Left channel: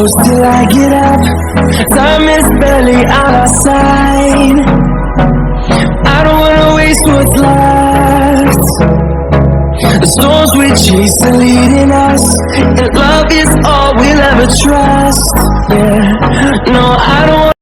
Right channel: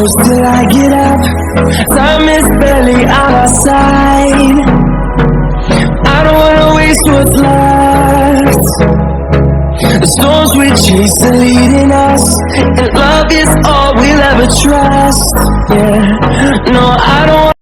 close till I get up. Time is barely on our side. I don't wanna waste what's left. The storms we chase are leading us, and love is all we'll ever trust. Yeah, no, I don't want.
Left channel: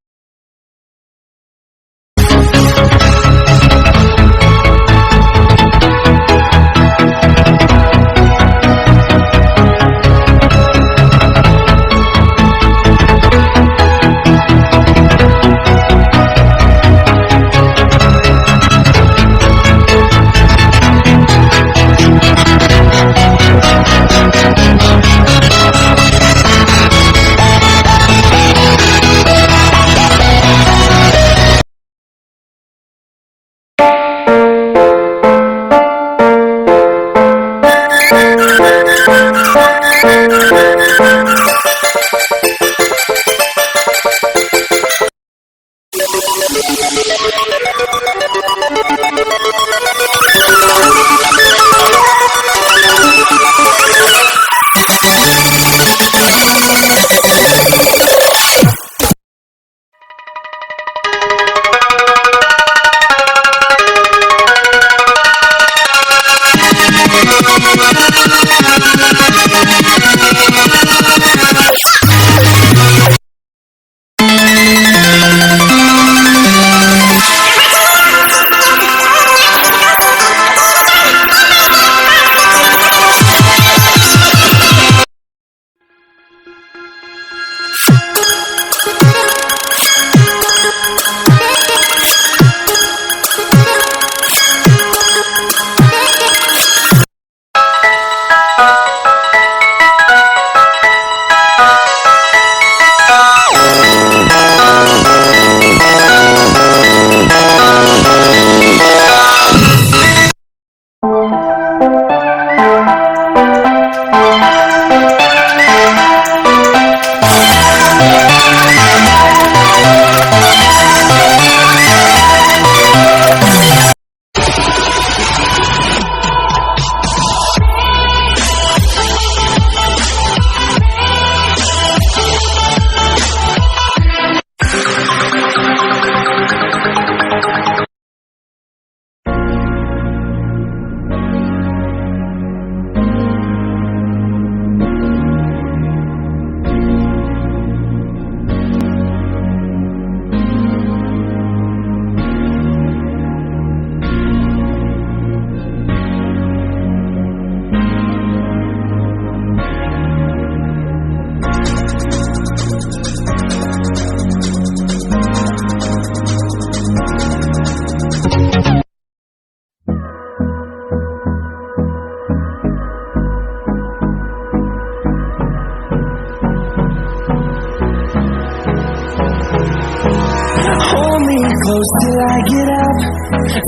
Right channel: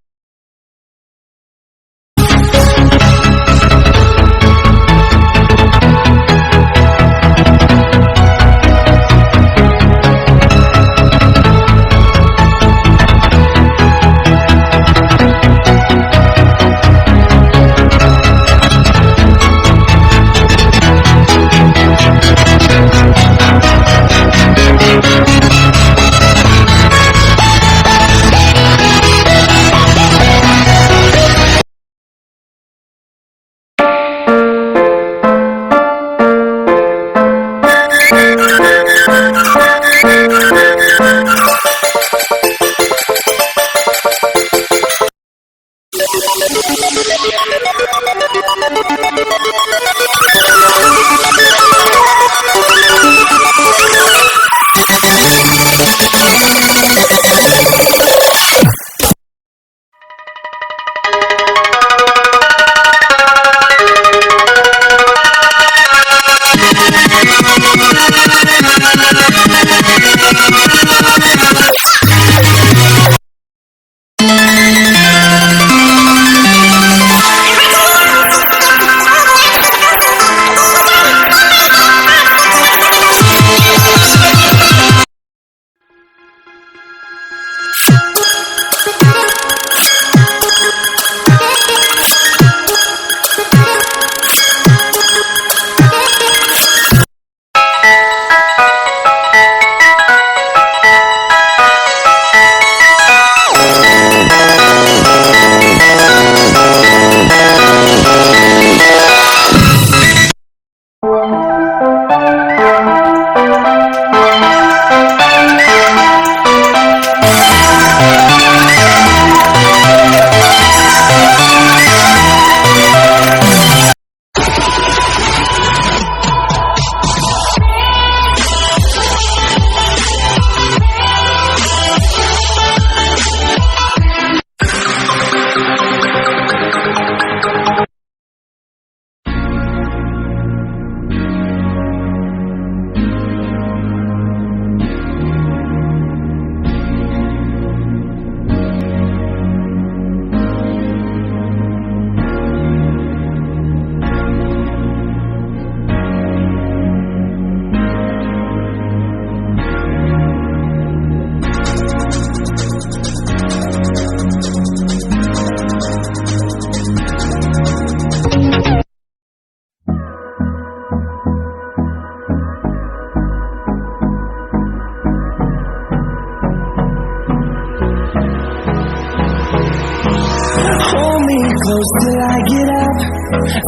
Close till I get up.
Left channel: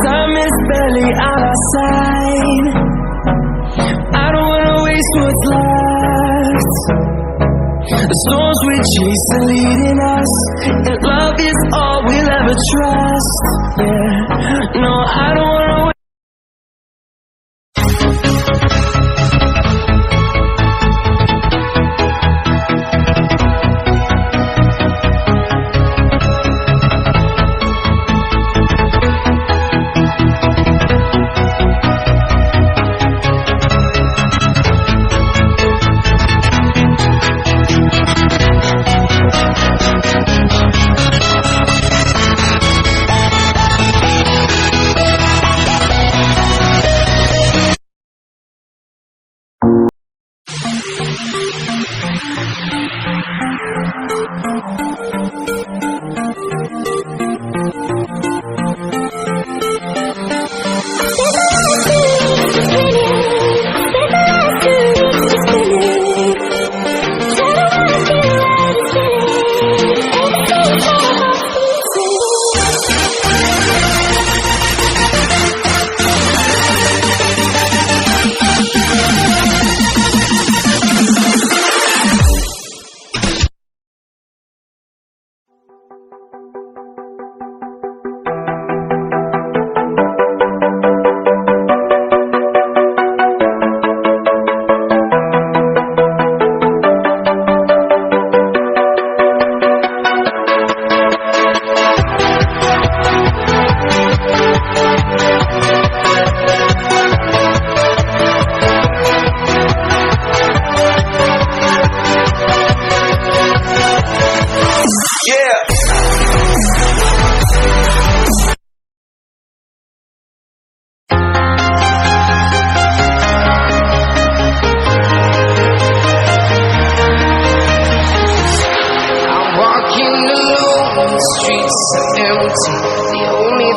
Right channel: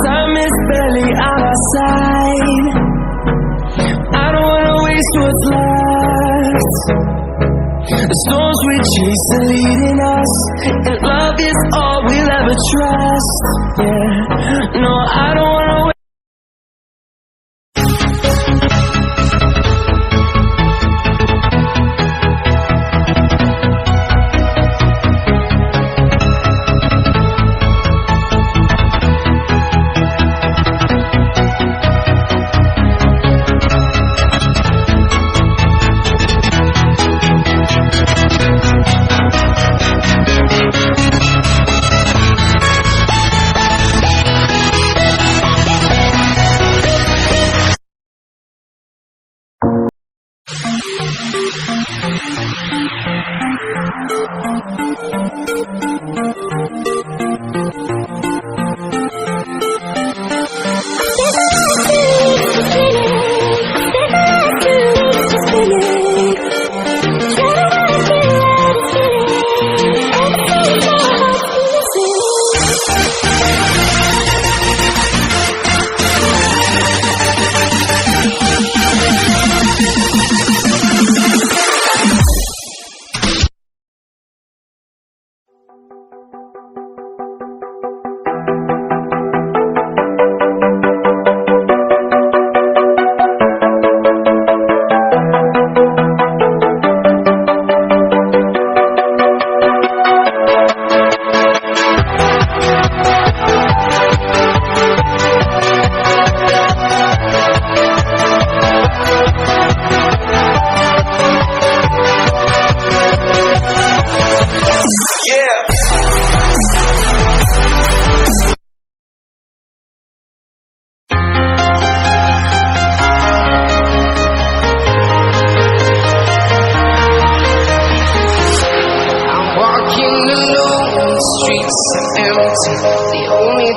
Time is barely on our side. I don't wanna waste what's left. The storms we chase are leading us, and love is all we'll ever trust. Yeah, no, I don't wanna wait.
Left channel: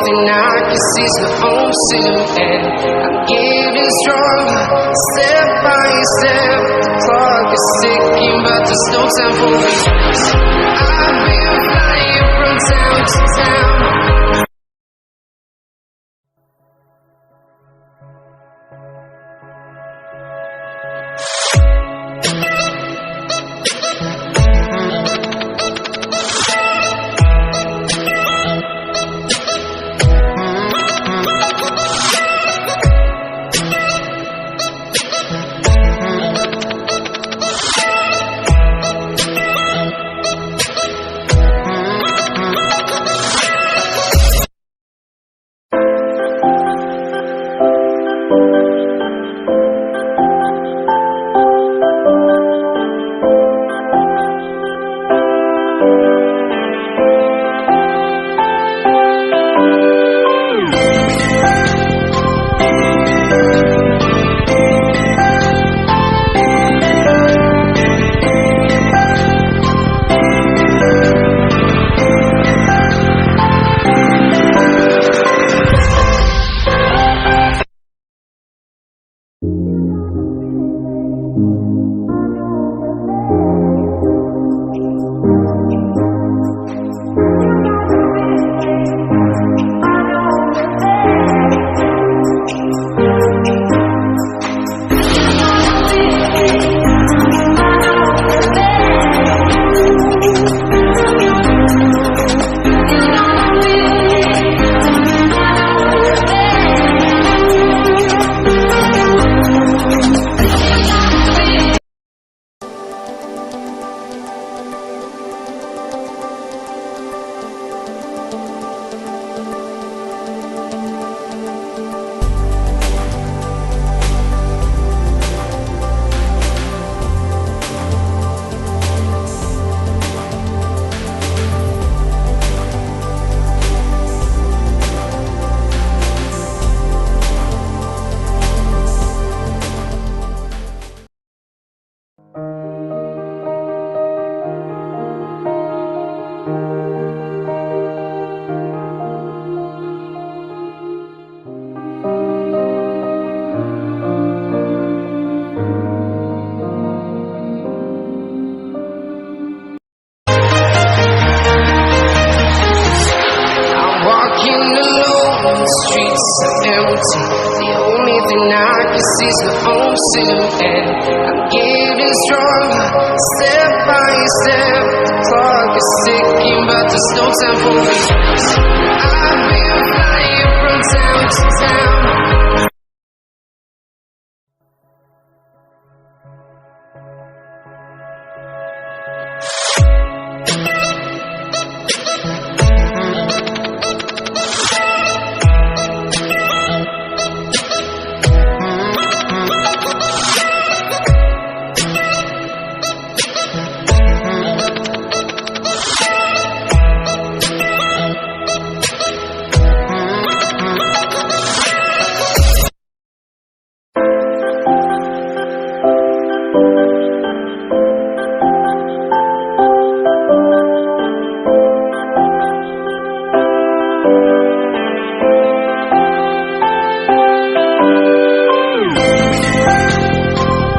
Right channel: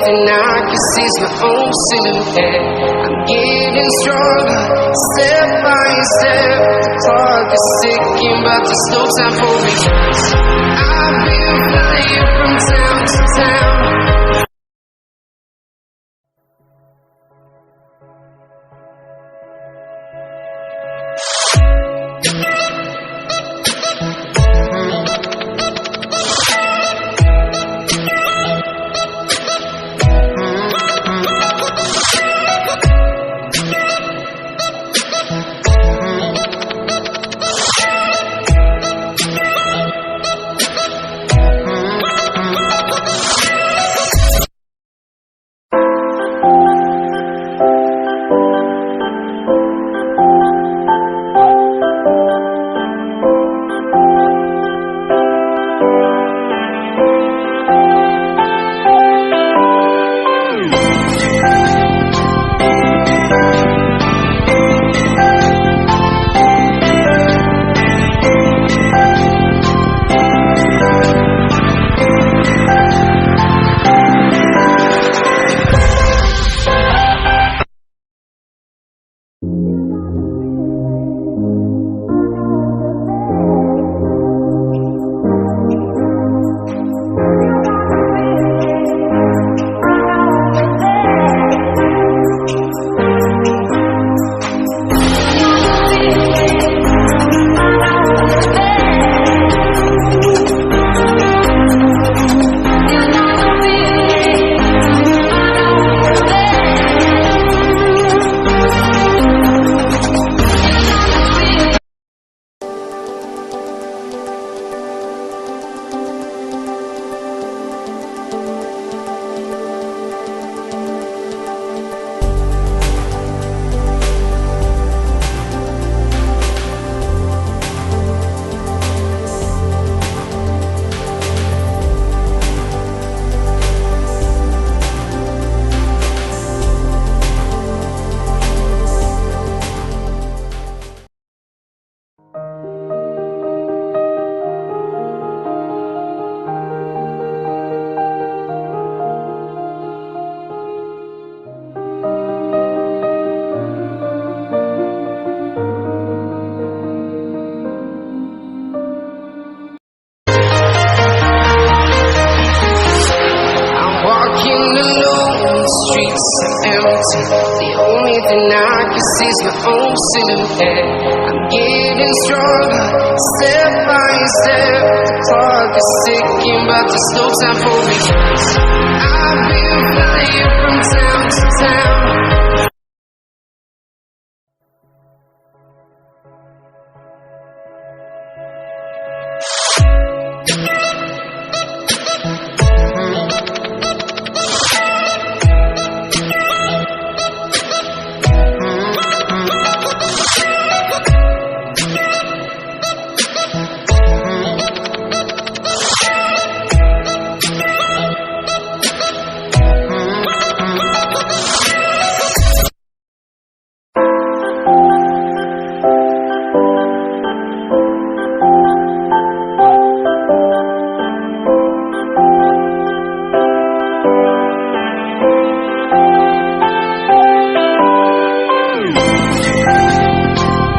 thing I can see is my own silhouette. I'm getting stronger, step by step. The clock is ticking, but there's no time for regrets. I've been flying from town to town. Walking alone, the streets are empty. The only thing I can see is my own silhouette. I'm getting stronger, step by step. The clock is ticking, but there's no time for regrets. I've been flying